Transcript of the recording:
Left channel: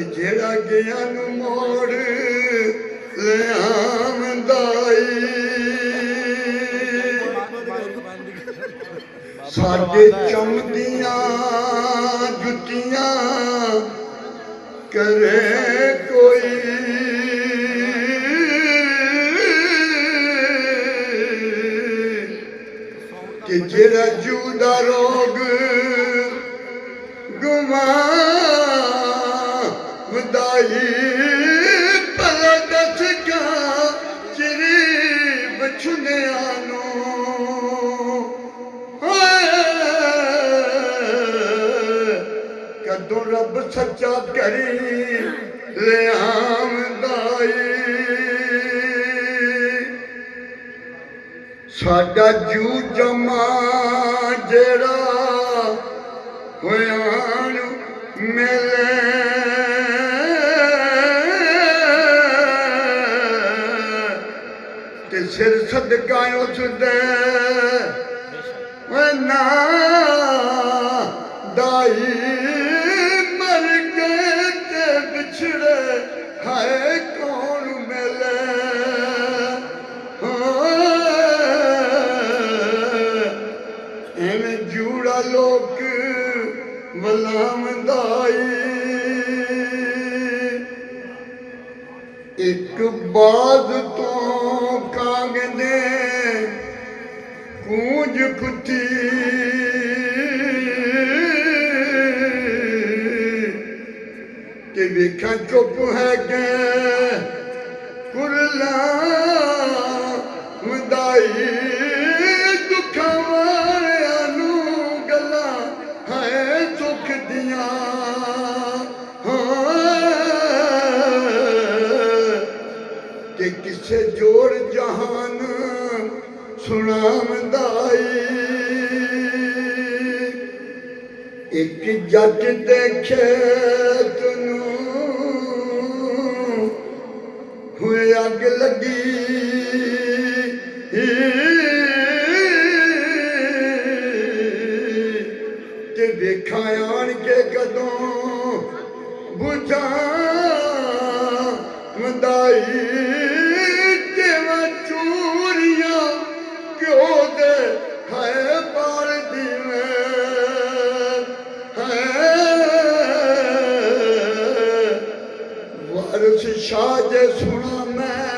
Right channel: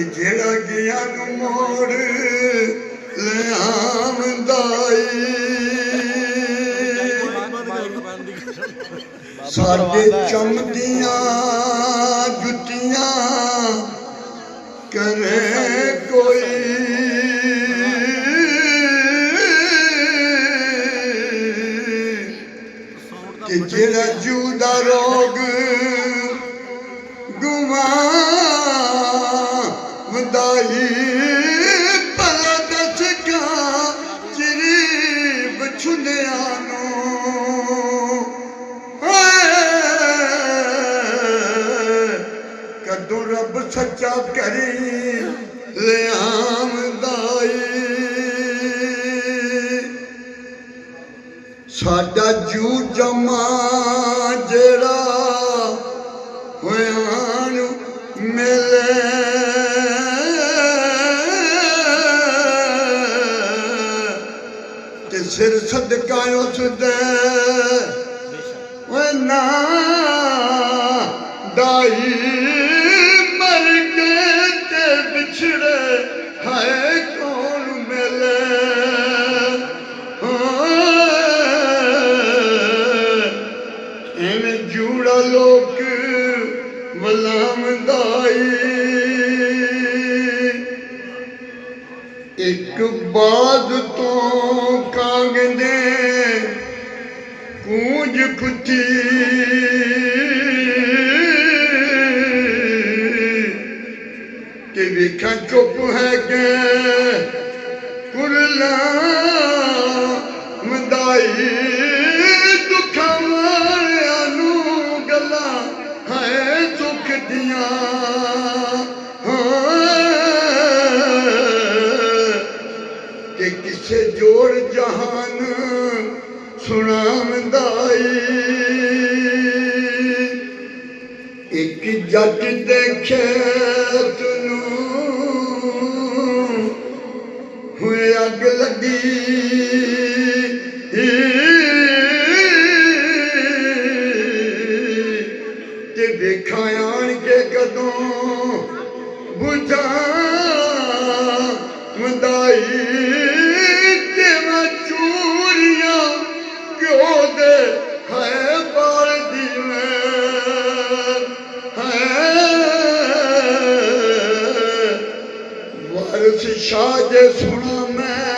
कि जेड़ा गया नू मोड़ ले आमदाई साडे चमदियां जुतियां करे कोई कि जेड़ा जूदा रोग गुमावदाई भला दस का चिरी बछुनिया कदों रब सच्चा करी ले आमदाई साडा जू जमा जेड़ा होयान मिले ते सिर सदका उस दे ना दाई मर के ते बिछड़े है कौन मिले इन जूड़ा लोक वलामदाई एक बाद तो कागदे कूंज कुती कि वेखा चुप है के कुरला मदाई दुखा मारिया नू गला है सुख दिया कि किसे जोड़ जहान सुनामदाई एक जट देखे हुए अग लगी ते देखा आन के कदों बुझा मदाई ते चूरिया क्यों दे है बाल दी वारिस शाह जे सुना मैं